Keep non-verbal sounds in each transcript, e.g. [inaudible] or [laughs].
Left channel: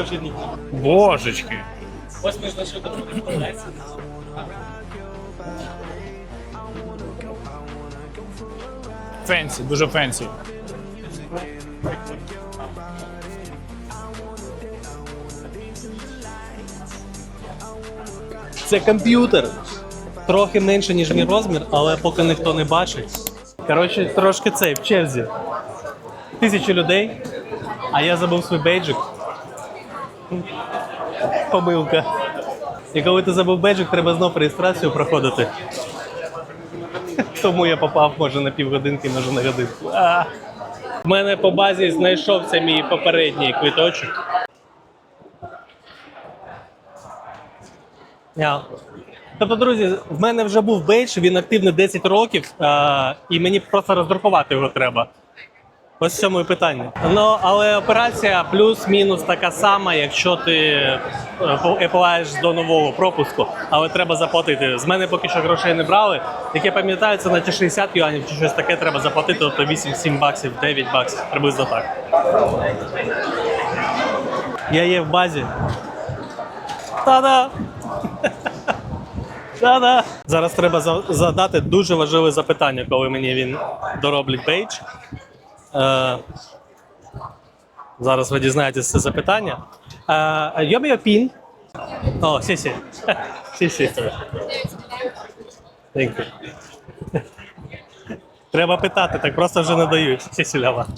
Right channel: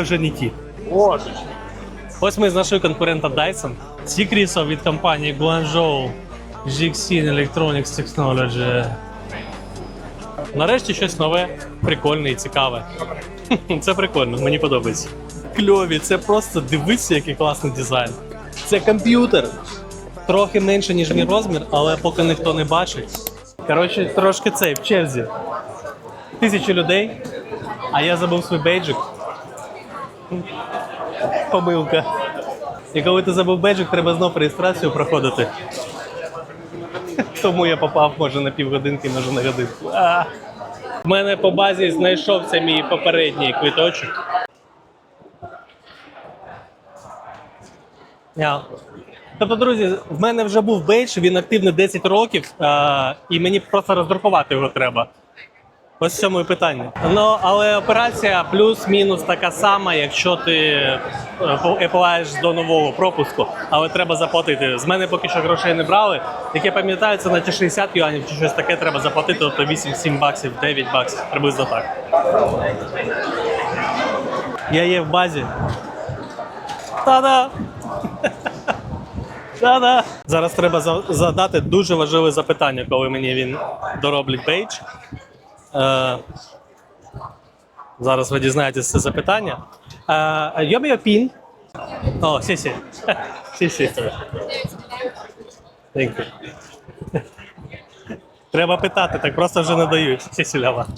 Супергерої вже не ті. Божечки. Ось ми знайшли конкурента Dyson. Ці крісла від компанії Guangzhou Jixin Electronics Technology. Фенсі, дуже фенсі. Нарешті щось нове, прикольне і цікаве. Це прикольно, мені подобається. Кльові, це просто дивися, який класний дизайн. Це комп'ютер. Трохи менше, ніж мій розмір, але поки ніхто не бачить. Коротше, трошки цей в черзі. Тисячі людей, а я забув свій бейджик. Помилка. І коли ти забув бейджик, треба знов реєстрацію проходити. Тому я попав, може, на півгодинки, може на годинку. А. В мене по базі знайшовся мій попередній квиточок. Я. Тобто, друзі, в мене вже був бейдж, він активний 10 років, а, і мені просто роздрукувати його треба. Ось в цьому і питання. Ну, але операція плюс-мінус така сама, якщо ти е, до нового пропуску, але треба заплатити. З мене поки що грошей не брали. Як я пам'ятаю, це на ті 60 юанів чи щось таке треба заплатити, тобто 8-7 баксів, 9 баксів, приблизно так. Я є в базі. Та-да! [laughs] Та-да! Зараз треба задати дуже важливе запитання, коли мені він дороблять бейдж. Е, зараз ви дізнаєтесь це запитання. Е, Йом пін. О, сі сі. [laughs] Сі сі. [laughs] Треба питати, так просто вже не дають. Сі сі лява. [laughs]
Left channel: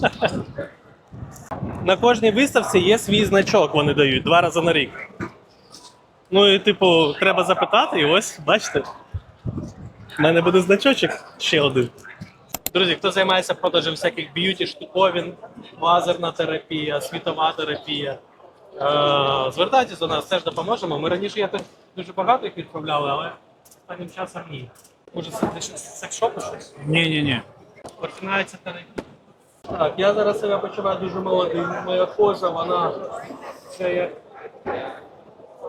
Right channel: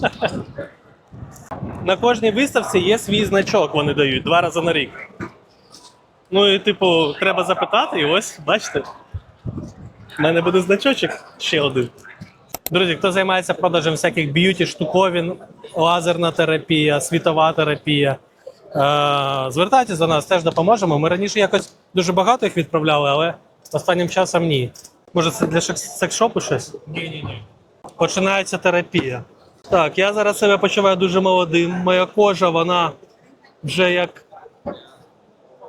На кожній виставці є свій значок, вони дають два рази на рік. Ну і, типу, треба запитати, і ось, бачите. У мене буде значочок ще один. Друзі, хто займається продажем всяких б'юті штуковин, лазерна терапія, світова терапія. Е, звертайтеся до нас, теж допоможемо. Ми раніше якось дуже багато їх відправляли, але останнім часом ні. Може, це для секшопу щось? Ні-ні-ні. Починається терапія. Так, я зараз себе почуваю дуже молодим. Моя кожа, вона вже як.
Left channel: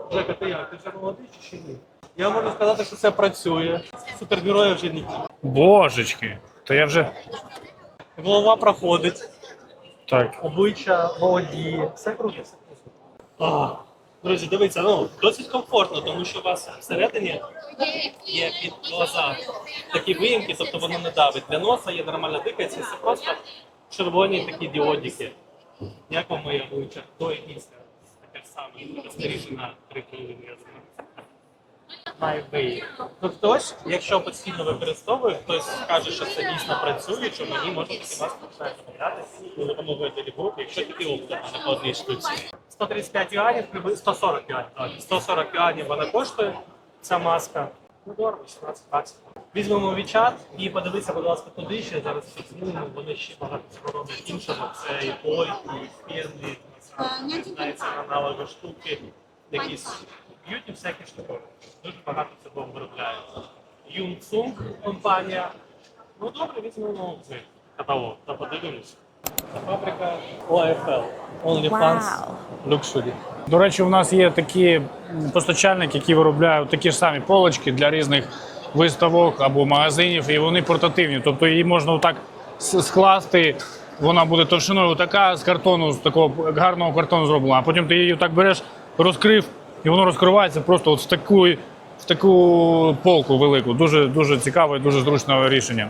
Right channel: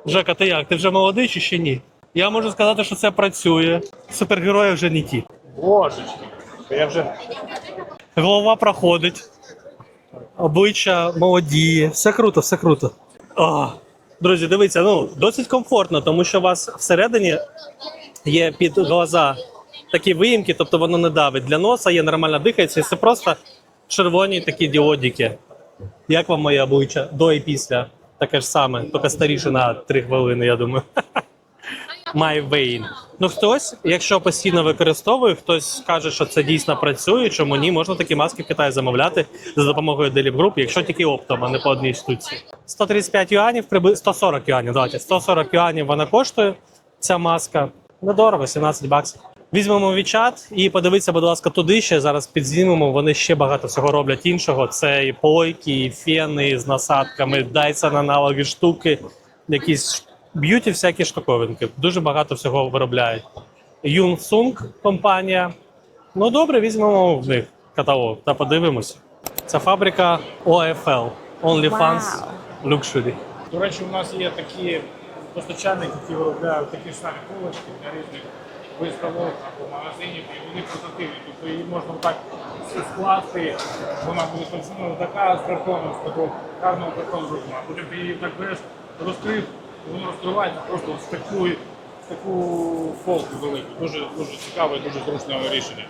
Жека, ти як? Ти вже молодий чи ще ні? Я можу сказати, що це працює. Супергерої вже не ті. Божечки. То я вже. Голова проходить. Так. обличчя молодіє. Все круто, все круто. О, друзі, дивіться, ну досить комфортно, тому що у вас всередині є під глаза такі виїмки, тобто воно не давить. Для носа є нормально дихається, і це просто червоні такі діодики. Як вам моє обличчя до і після? Таке ж саме, тільки старіше на 3 хвилини, я думаю. [laughs] My vein. Ну хтось, якщо постійно використовує, хтось каже, що це дійсно працює. Чому ні? Можна такі маски в Китаї замовляти за допомогою Delip Group, якщо тільки оптом, а не по одній штуці. 135 юанів, приблизно 140 юанів. Давайте 140 юанів вона коштує. Ця маска недорого, 17 баксів. Візьмемо WeChat і подивіться, будь ласка, туди ще зараз підзнімемо. Вони ще багато всього роблять іншого. Це і плойки, і фени з насадками, Dyson аналоги штуки, якісь б'юті, всякі штуковинки. Дуже багато всього виробляють. Юнсунг компанія. Ну добре, візьмемо в них каталог та подивимось. Це фабрика OFL. OnlyFans. Luxury. До речі, у нас є такі постачальники, які виробляють такі ж самі полочки для різних виставок або магазинів, і вони портативні. Тобто її можна отак скласти. Вона буде товщиною така з картону, з такого гарного картону зроблена. А потім ти її так береш, розкрив, і воно розкривається просто от в таку, в таку полку велику. Дуже дуже цікаве, дуже зручне рішення.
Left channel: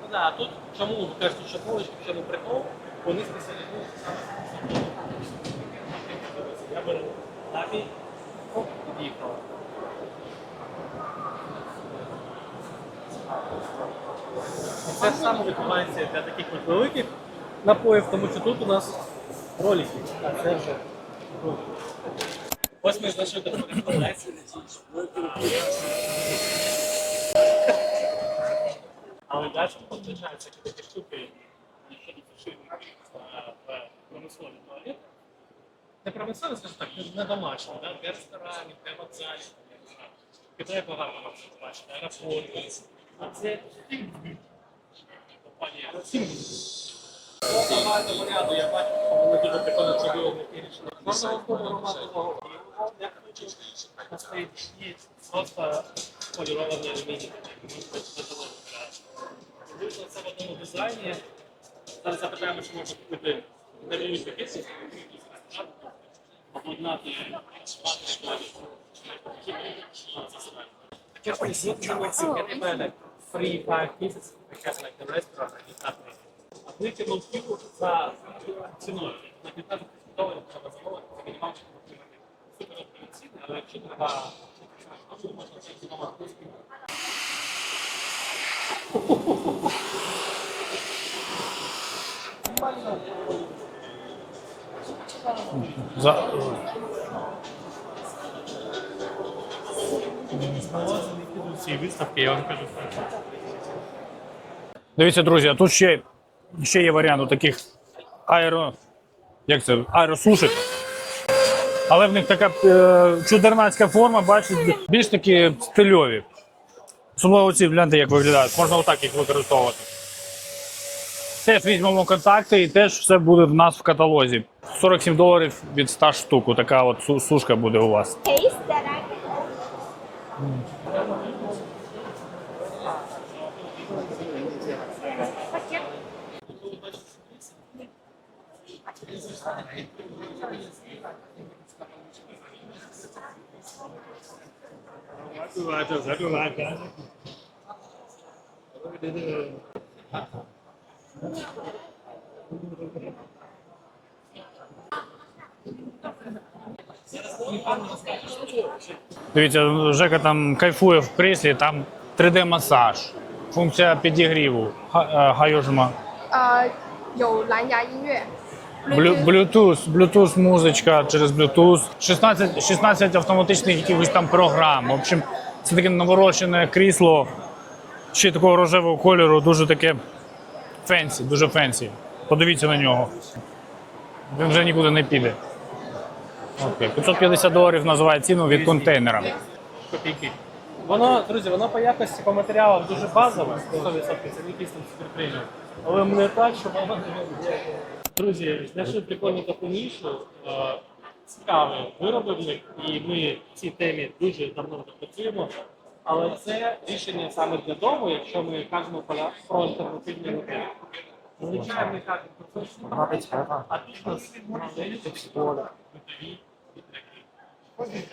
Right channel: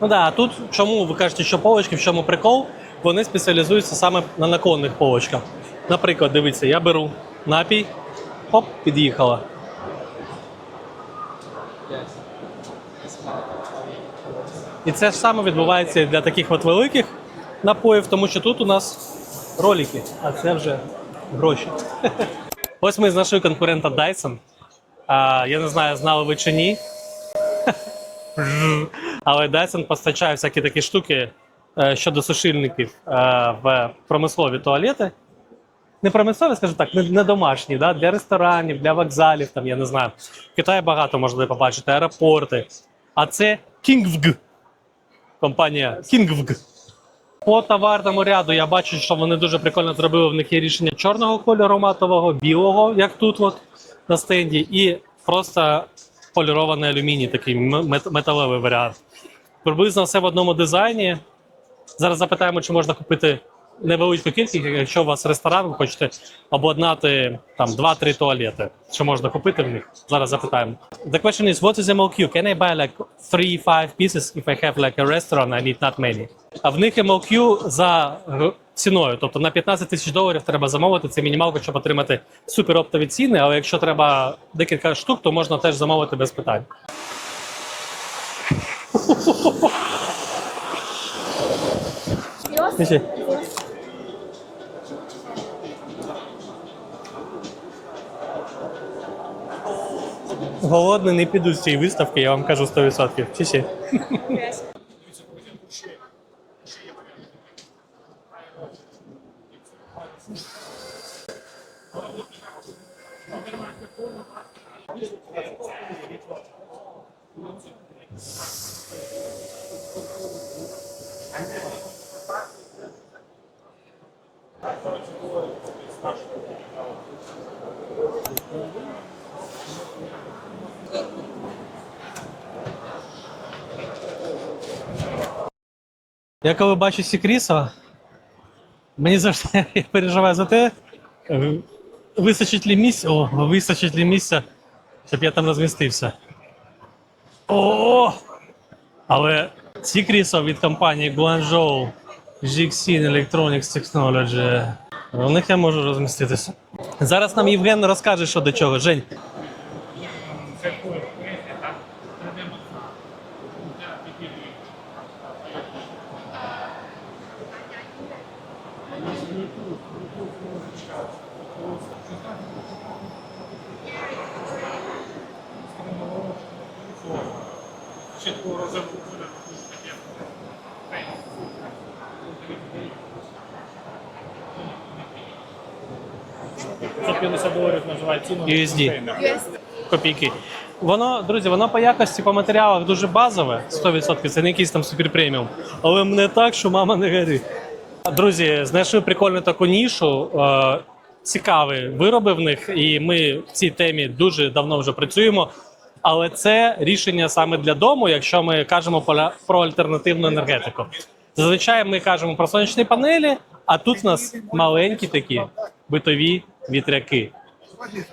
Ну да, а тут чому ви кажете, що полочки, в чому прикол? Вони спеціалізуються саме на наклонних полочках. Наприклад, дивіться, я беру напій, хоп, під'їхала. І це ж саме відбувається для таких от великих напоїв, тому що тут у нас ролики, а це вже гроші. Ось ми знайшли конкурента Dyson. А, я не знаю, знали ви чи ні. [laughs] Але Dyson постачає всякі такі штуки е, щодо сушильників е, в промислові туалети. Не промислові, скажімо так, не домашні, да? для ресторанів, для вокзалів, там, я не знаю. В Китаї багато можна побачити, аеропорти. А це Kingvg. Компанія Kingvg. По товарному ряду я бачу, що вони дуже прикольно зробили. В них є рішення чорного кольору матового, білого, як тут от на стенді, і просто полірований алюміній, такий металевий варіант. Приблизно все в одному дизайні. Зараз запитаємо, чи можна купити невеличку кількість, якщо у вас ресторан, ви хочете обладнати там 2-3 туалети. Що можна купити в них? Зараз запитаємо. The question is, what is MLQ? Can I buy like 3-5 pieces if I have like a restaurant, I need not many? А в них MLQ за ціною, тобто на 15 тисяч доларів треба замовити. Це мінімалка, щоб отримати супероптові ціни. Але якщо треба декілька штук, то можна теж замовити без питань. Голодний не піду з цієї виставки, я вам кажу 100%. Дивіться, друзі, а тут ще, ще є варіант у таких аеро. Як це? Аеросушок. Але в них така е, чудернацька форма, бачите, більш такі стильові. Особливо ці гляньте, як виглядають. Можна отак їх використовувати. Теж візьмемо контакти і теж все буде в нас в каталозі. 47 доларів від 100 штук. Така от сушка буде у вас. Я коли бачу Сікріса, мені завжди [laughs] я переживаю за те, е, вистачить ли місця, о, вистачить ли місця, щоб я там розмістився. О! Але Сікрісо від компанії Guangzhou Jixin Electronics Technology. У них я можу розміститися. Зараз нам Євген розкаже, що до чого. Жень, Дивіться, Жека там кайфує в кріслі, там 3D-масаж, функція підігріву, е, гайожма. 呃有蓝牙音乐， Блю- Bluetooth, Bluetooth музичка через Bluetooth, 16, 16 автоматичних якихось там програм. В общем, це таке наворочене крісло, ще й такого рожевого кольору, дуже таке фенсі, дуже фенсі. Подивіться на нього. Він вже нікуди не піде. Окей. 550 доларів називає ціну від USD. контейнера. копійки. Воно, друзі, воно по якості по матеріалах дуже базове, 100%, це не якийсь там супер преміум. Але не так, що мама не горить. Друзі, знайшли прикольну таку нішу. Е, цікаві вироби в них, і ми в цій темі дуже давно вже працюємо. Але це рішення саме для дому, якщо ми кажемо про альтернативну енергетику. Зазвичай ми кажемо про сонячні панелі, а тут у нас маленькі такі битові вітряки.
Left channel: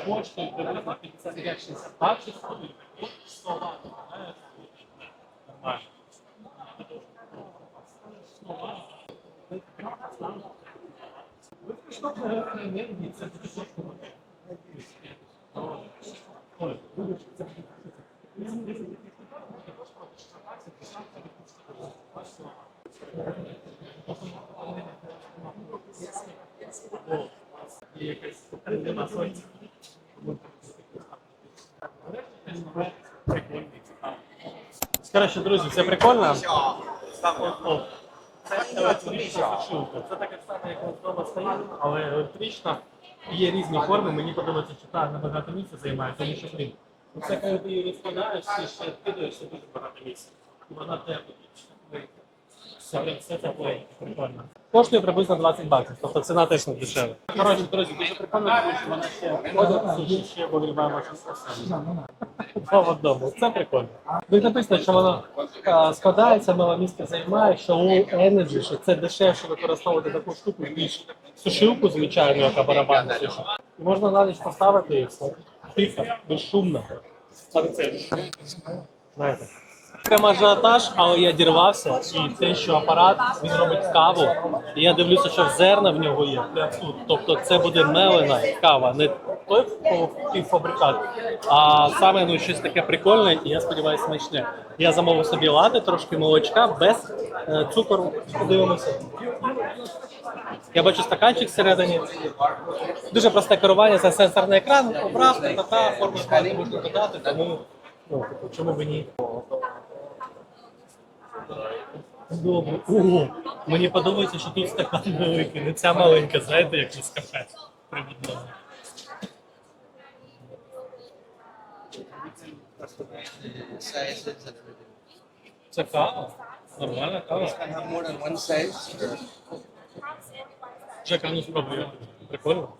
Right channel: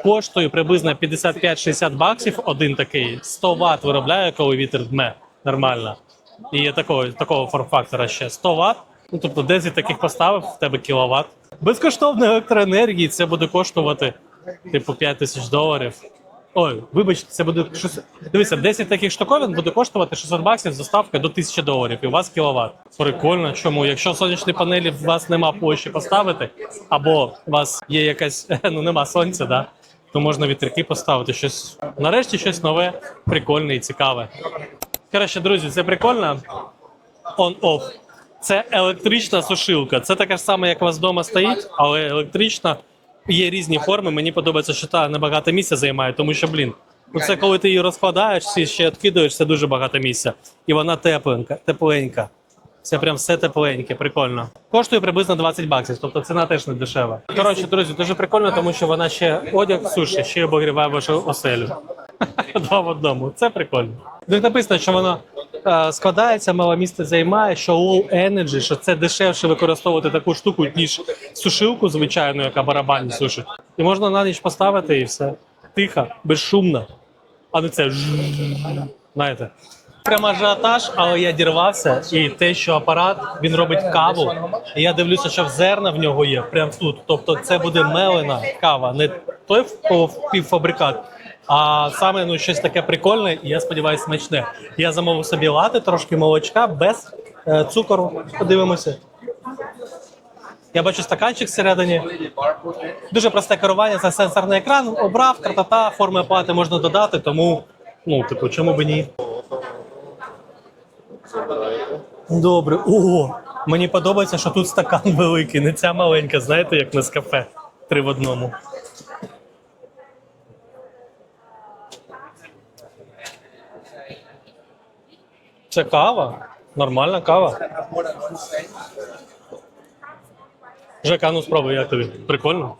Коштує приблизно 55-60 баксів один такий. 100 Вт виробляє, коли вітер дме нормально. І є такого, такого форм-фактора ще 100 Вт. Ну, тобто 10 таких поставив, в тебе кіловат. Безкоштовної електроенергії це буде коштувати типу 5 тисяч доларів. Ой, вибачте, це буде щось. Дивіться, 10 таких штуковин буде коштувати 600 баксів з доставкою до 1000 доларів. І у вас кіловат. Прикольно. Чому? Якщо сонячні панелі у вас нема площі поставити, або у вас є якась [laughs] ну нема сонця, да, то можна вітряки поставити. Щось нарешті щось нове, прикольне і цікаве. Коротше, друзі, це прикольно. On-off. Це електрична сушилка. Це така ж сама, як у вас вдома стоїть, але електрична. Є різні форми. Мені подобається, що та небагато місця займає, тому що, блін, ну це коли ти її розкладаєш, всі ще відкидаєш, це дуже багато місця. І вона тепленька, тепленька. Це прям все тепленьке, прикольно. Коштує приблизно 20 баксів, тобто ціна теж не дешева. Коротше, друзі, дуже прикольно, тому що вона ще одяг суші, ще обогріває вашу оселю. [laughs] Два в одному. Це прикольно. Тут написано, що воно складається, мало місце займає, що low energy, що це дешевше використовувати таку штуку, ніж сушилку звичайну, яка барабан сушить. І можна на ніч поставити і все. Тихо, безшумно. А не це. Знаєте. Прямо ажіотаж, але я дірвався, і те, що апарат він робить каву, і я дивлюся, що зерна в нього є прямо тут. Тобто це буде мелена кава, не той в- півфабрикат, а саме ну щось таке прикольне, і я сподіваюся, смачне. Я замовив собі лати, трошки молочка без е, цукору. Подивимося. Я бачу стаканчик всередині. Дуже просте керування, це сенсорний екран. Обрав, та-та-та, форми оплати можна додати, тому ну, типу, чому б ні? Добре. О, мені подобається, що тут стакан [laughs] великий, не ця маленька, знаєте, як на кафе. Три в одному. Це кава. Нормальна кава. Жека, ну спробуй, як тобі? Прикольно.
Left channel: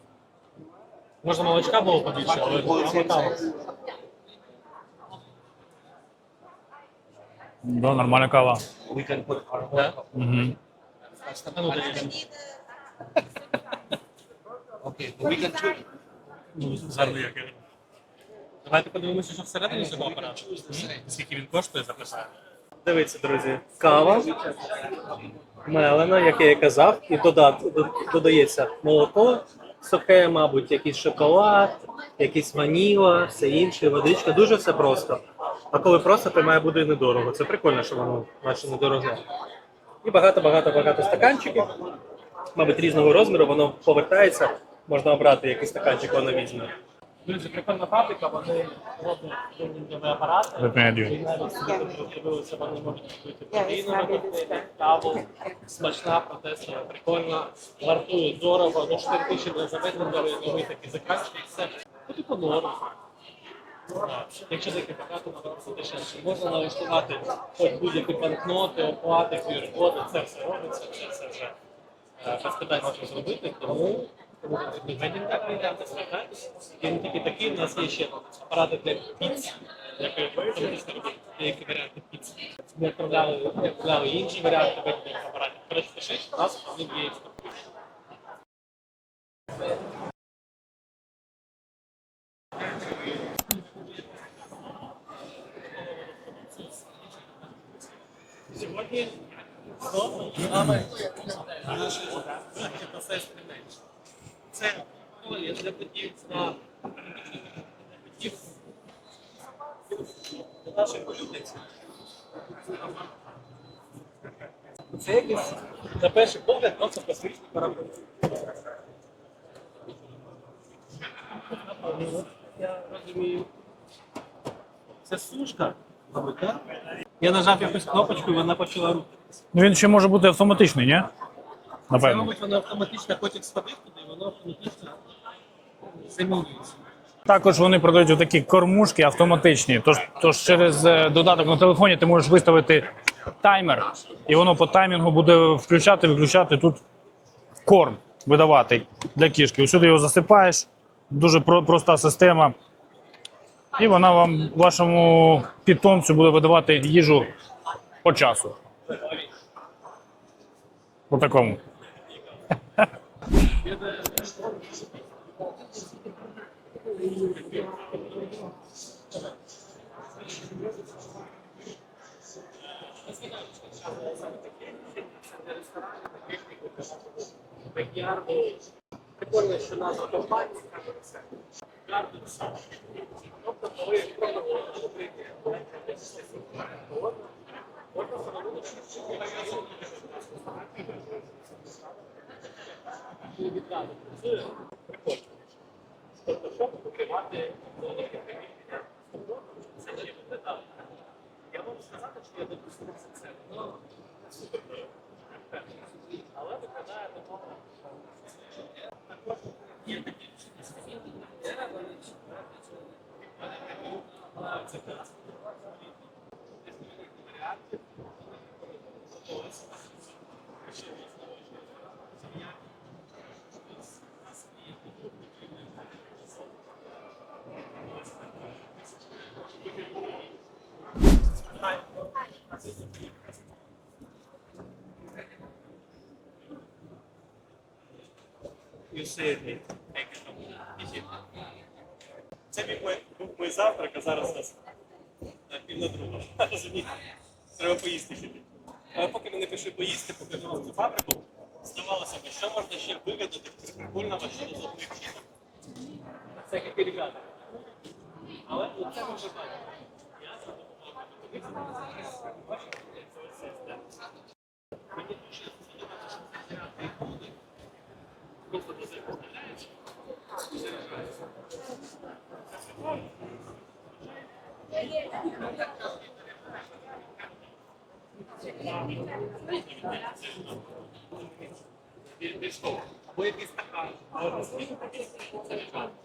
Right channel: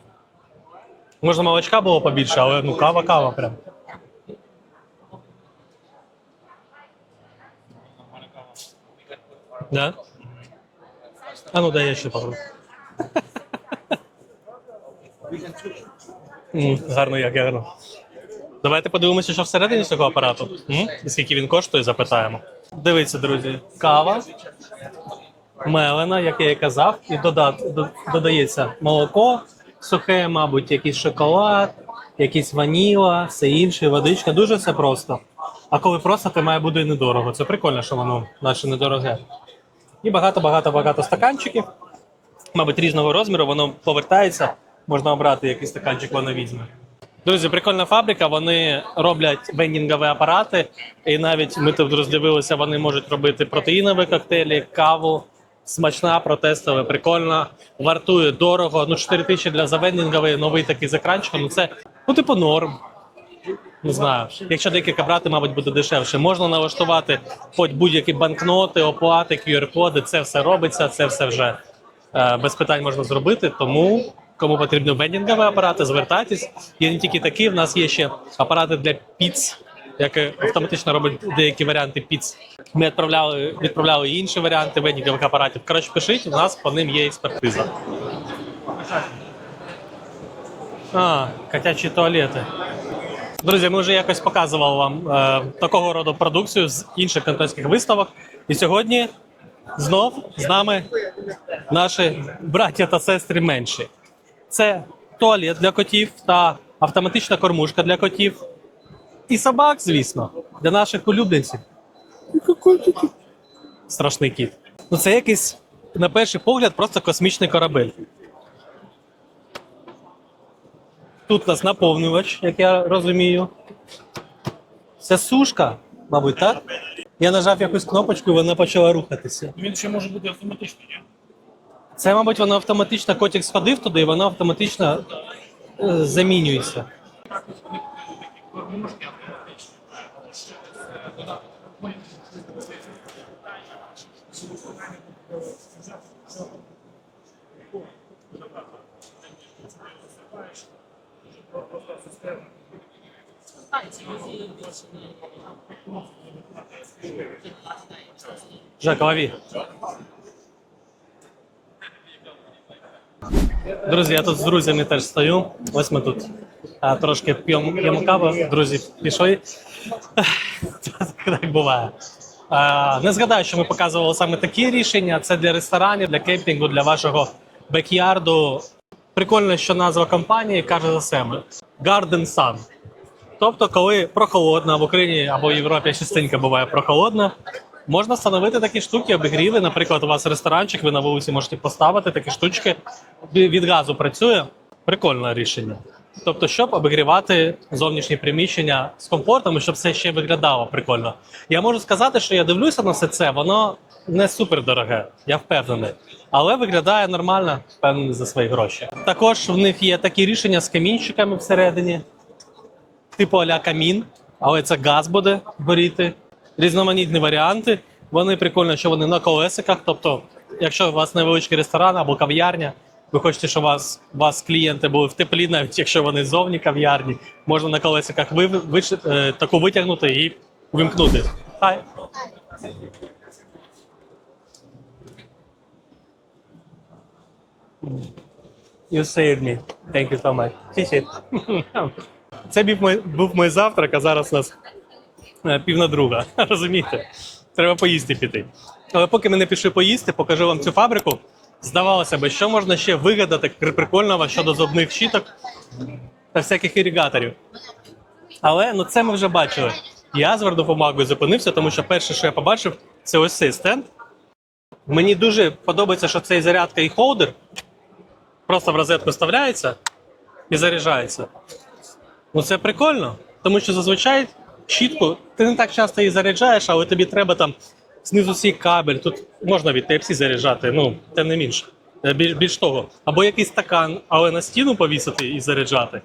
Можна молочка було побільше, але ну кава, кава прям. Да, нормальна кава. Да? Угу. А ну дай я ще попробую. М, Гарно, як гарно. Давайте подивимося, що всередині цього апарату. М? І Скільки він коштує, запитаємо. Дивіться, друзі, кава мелена, як я і казав, і дода- до- додається молоко сухе, мабуть, якийсь шоколад, якийсь ваніла, все інше, водичка. Дуже все просто. А коли просто, то має бути недорого. Це прикольно, що воно наше недороге. І багато-багато-багато стаканчиків. Мабуть, різного розміру, воно повертається, можна обрати який стаканчик, воно візьме. Друзі, прикольна фабрика. Вони роблять вендінгові апарати. І навіть ми тут роздивилися, вони можуть робити протеїнові коктейлі, каву. Смачна, протестова, прикольна, вартує дорого. Ну, 4 тисячі для завендінгової, новий такий з екранчиком. Ну це ну, типу норм. Не знаю. Якщо декілька брати, мабуть, буде дешевше. Можна налаштувати хоч будь-які банкноти, оплати, QR-коди. Це все робиться, це все вже е, без питань можна зробити. Тому кому потрібні вендінгові апарати, звертайтесь. Є не тільки такі, в нас є ще апарати для піц, які автоматично робить деякі варіанти піц. Ми відправляли, відправляли інші варіанти вендінгових апаратів. Коротше, пишіть, у нас по ним є експертиза. А, котячі туалети. Друзі, ми вже якось показували вам е, такого роду продукцію з інших контентських виставок. І сьогодні знов з нами наші браття та сестри менші. Це туалет для котів та автоматична кормушка для котів. І собак, звісно, для наших улюбленців. Страшний кіт. Ну це якийсь, на перший погляд, просто космічний корабель. Тут у нас наповнювач, як я розумію. Це сушка, мабуть, так? Я нажав якусь кнопочку, і вона почала рухатися. Ну він ще може бути автоматичний, ні? Це, мабуть, воно автоматично котик сходив туди, і воно автоматично е, замінюється. Також вони продають такі кормушки автоматичні. Тож, тож через е, додаток на телефоні ти можеш виставити таймер, і воно по таймінгу буде включати, виключати тут корм видавати для кішки. Усюди його засипаєш, дуже про- проста система. І вона вам, вашому питомцю, буде видавати їжу по часу. Жак, лови. По такому. Друзі, я тут з друзями теж стою. Ось ми тут а, трошки п'ємо п'ємо каву. Друзі пішли. так буває. А, не згадаю, що ми показували саме такі рішення. Це для ресторанів, для кемпінгу, для вашого бекярду. Прикольно, що назва компанії каже за себе: Garden Sun. Тобто, коли прохолодно в Україні або в Європі частенько буває прохолодно, можна встановити такі штуки, обігріви. Наприклад, у вас ресторанчик, ви на вулиці можете поставити такі штучки. Від газу працює. Прикольне рішення. Тобто, щоб обігрівати зовнішні приміщення з комфортом, щоб все ще виглядало прикольно. Я можу сказати, що я дивлюся на все це, воно не супер дороге, я впевнений. Але виглядає нормально, впевнений за свої гроші. Також в них є такі рішення з камінчиками всередині типу аля камін, але це газ буде горіти. Різноманітні варіанти. Вони прикольно, що вони на колесиках. Тобто, якщо у вас невеличкий ресторан або кав'ярня, ви хочете, щоб вас, вас клієнти були в теплі, навіть якщо вони зовні кав'ярні, можна на колесиках ви, ви, е, таку витягнути і вимкнути. Хай. You saved me. Thank you so much. Чі-чі. Це був мій, був мій завтрак, а зараз у нас е, пів на друга. [laughs] Розумієте? Треба поїсти піти. Але поки ми не пішли поїсти, покажу вам цю фабрику. Здавалося б, що можна ще вигадати прикольного щодо зубних щіток та всяких ірігаторів. Але ну це ми вже бачили. Я з вардопомагою зупинився, тому що перше, що я побачив, це ось цей стенд. Мені дуже подобається, що цей зарядка і холдер просто в розетку вставляється і заряджається. Ну це прикольно, тому що зазвичай щітку ти не так часто її заряджаєш, але тобі треба там знизу свій кабель. Тут можна від Type-C заряджати, ну тим не менше. Е, Біль, більш того, або якийсь стакан, але на стіну повісити і заряджати.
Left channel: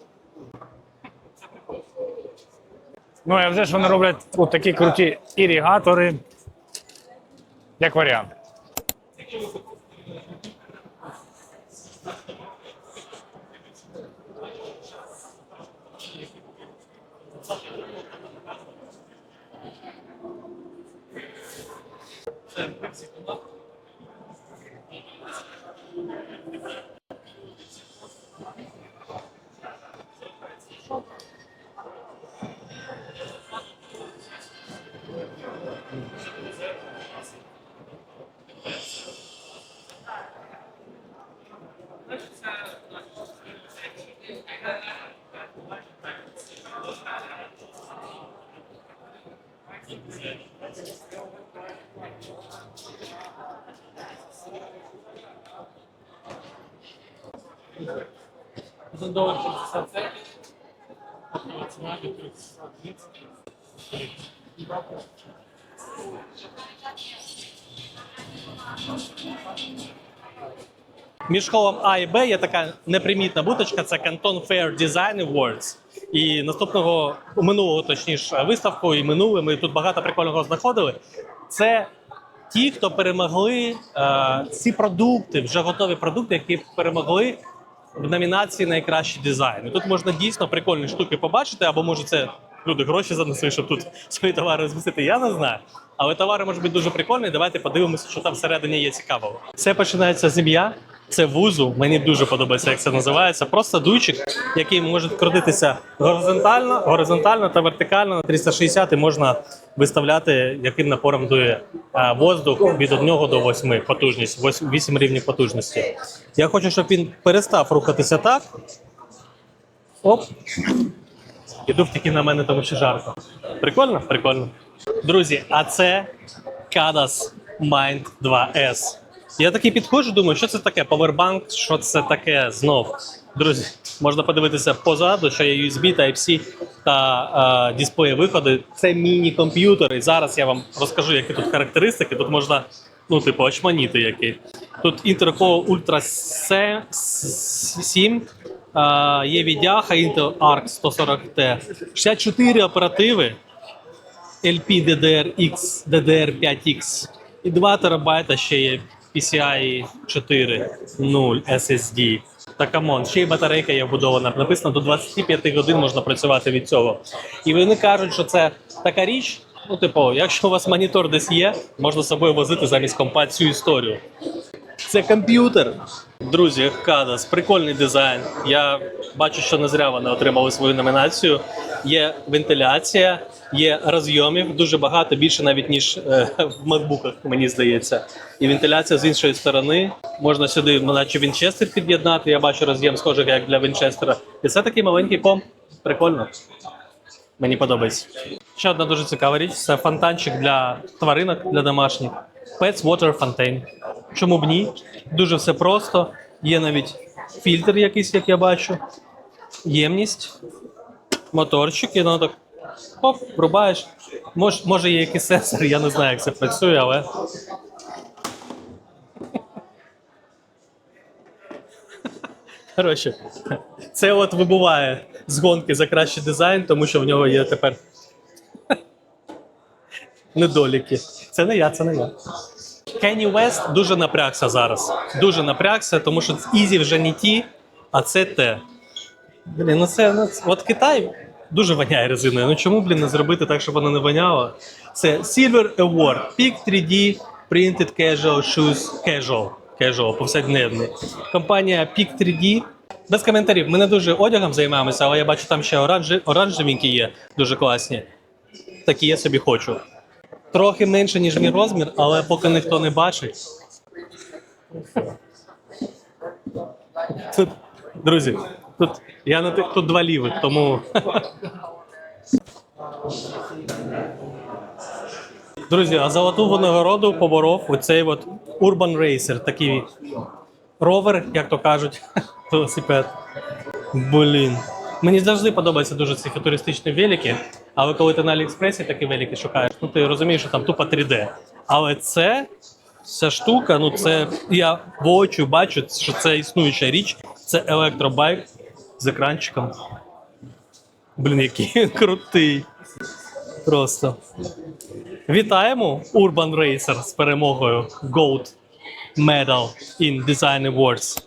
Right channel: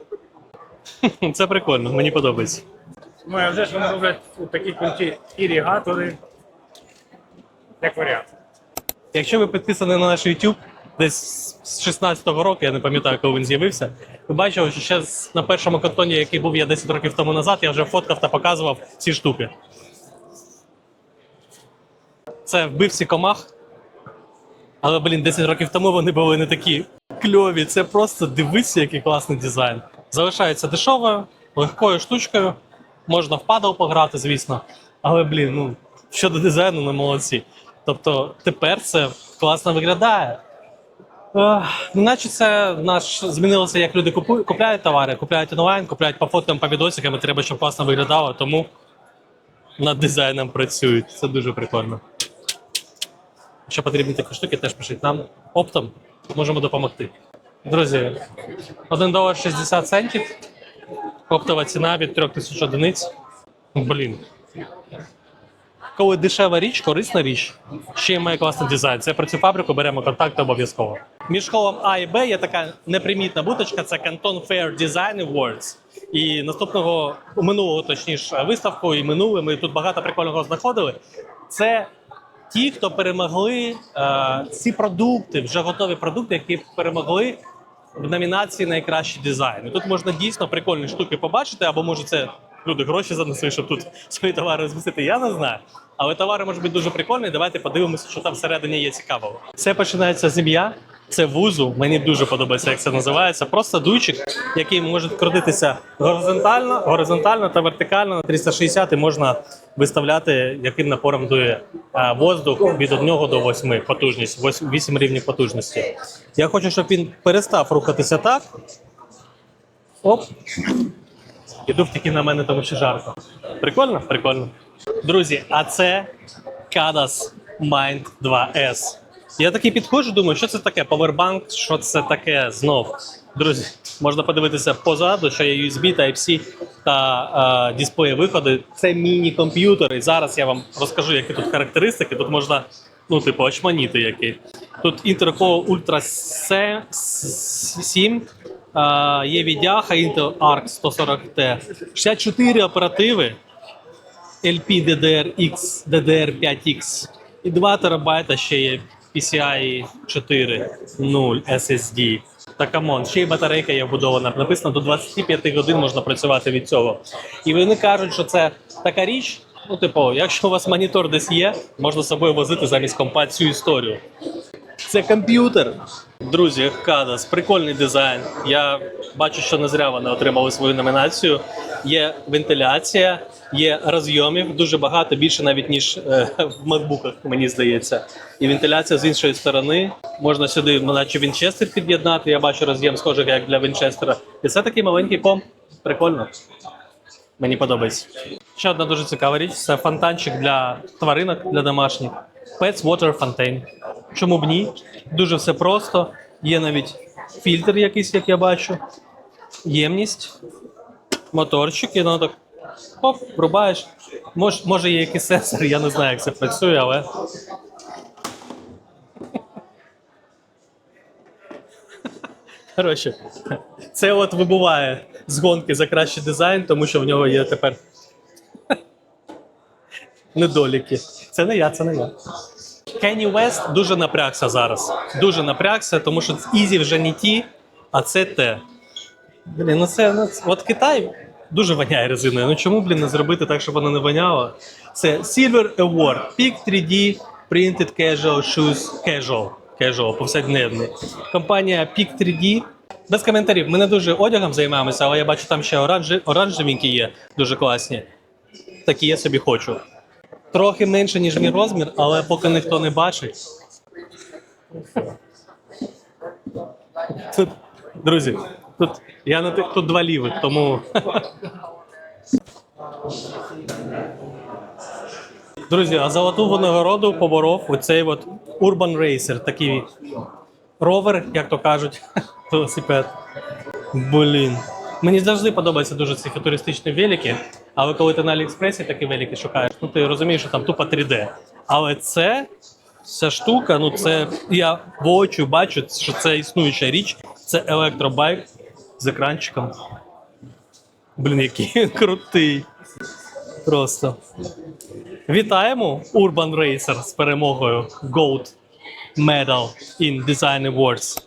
[laughs] Це прикольно, мені подобається. Ну, а вже ж вони роблять от такі круті іригатори, як варіант. Якщо ви підписані на наш YouTube десь з 16-го року, я не пам'ятаю, коли він з'явився, ви бачили, що ще на першому кантоні, який був я 10 років тому назад, я вже фоткав та показував ці штуки. Це вбивці комах. Але, блін, 10 років тому вони були не такі кльові. Це просто дивися, який класний дизайн. Залишається дешевою, легкою штучкою. Можна в падал пограти, звісно. Але, блін, ну щодо дизайну, ну молодці. Тобто тепер це класно виглядає. Ех, Ну, наче це наш змінилося, як люди купують, купляють товари, купляють онлайн, купляють по фотам, по відосикам, і треба, щоб класно виглядало, тому над дизайном працюють. Це дуже прикольно. Якщо потрібні такі штуки, теж пишіть нам оптом, можемо допомогти. Друзі, 1 долар 60 центів. Оптова ціна від 3000 одиниць. Блін. Коли дешева річ, корисна річ, ще й має класний дизайн. Це про цю фабрику беремо контакти обов'язково. Між колом А і Б є така непримітна буточка, це Canton Fair Design Awards. І наступного минулого, точніше, виставку і минуле, ми тут багато прикольного знаходили. Це ті, хто перемогли е, ці продукти, вже готові продукти, які перемогли в номінації найкращий дизайн. І тут можна дійсно прикольні штуки побачити, або може це люди гроші занесли, щоб тут свої товари розмістити. Я не знаю. Але товари можуть бути дуже прикольні. Давайте подивимося, що там всередині є цікавого. Все починається з ім'я. Це вузу. Мені дуже подобається, як це називається. Просто дуйчик, який може крутитися горизонтально, горизонтально та вертикально на 360 і можна виставляти, яким напором дує воздух від 1 до 8 потужність, 8 рівнів потужності. Я хочу, щоб він перестав рухатися так. Оп. І дув тільки на мене, тому що жарко. Прикольно? Прикольно. Друзі, а це Kadas Mind 2S. Я такий підходжу, думаю, що це таке? Powerbank, що це таке знов. Друзі, можна подивитися позаду, що є USB, Type-C та е, дисплеї виходи. Це міні-комп'ютер. І зараз я вам розкажу, які тут характеристики. Тут можна, ну, типу, очманіти які. Тут Intel Core Ultra 7, е, є відяха Intel Arc 140T, 64 оперативи. LP DDR-X, DDR5X і 2 терабайта ще є PCI 4.0 SSD. Та камон, ще й батарейка є вбудована. Написано до 25 годин можна працювати від цього. І вони кажуть, що це така річ. Ну, типу, якщо у вас монітор десь є, можна з собою возити замість компа цю історію. Це комп'ютер. Друзі, Кадас, прикольний дизайн. Я бачу, що не зря вони отримали свою номінацію. Є вентиляція, є розйомів дуже багато, більше навіть ніж е, в макбуках, мені здається. І вентиляція з іншої сторони. Можна сюди, наче Вінчестер під'єднати. Я бачу роз'єм схожий, як для Вінчестера. І це такий маленький комп. Прикольно. Мені подобається. Ще одна дуже цікава річ це фонтанчик для тваринок, для домашніх. Pets Water Fountain. Чому б ні? Дуже все просто. Є навіть фільтр якийсь, як я бачу. Ємність, моторчик, і воно так хоп, врубаєш. Мож, може є якийсь сенсор, я не знаю, як це працює, але. Коротше, це от вибуває з гонки за кращий дизайн, тому що в нього є тепер недоліки. Це не я, це не я. Кенні Вест дуже напрягся зараз. Дуже напрягся, тому що Ізі вже не ті, а це те. Блін, ну це ну, от Китай дуже воняє резиною. Ну чому, блін, не зробити так, щоб воно не воняло? Це Silver Award, Peak 3D Printed Casual Shoes Casual. Casual, повсякденний. Компанія Peak 3D. Без коментарів. Ми не дуже одягом займаємося, але я бачу, там ще оранжевенькі є, дуже класні. Такі я собі хочу. Трохи менше, ніж мій розмір, але поки ніхто не бачить. Тут, друзі, тут я на тих тут два лівих, тому. [laughs] Друзі, а золоту винагороду поборов оцей от Urban Racer, такий ровер, як то кажуть, [laughs] велосипед. Блін. Мені завжди подобаються дуже ці футуристичні велики, але коли ти на Аліекспресі такі велики шукаєш, ну ти розумієш, що там тупо 3D. Але це, ця штука, ну це я воочию бачу, що це існуюча річ, це електробайк з екранчиком. Блін, який крутий. Просто. Вітаємо Urban Racer з перемогою Gold Medal in Design Awards.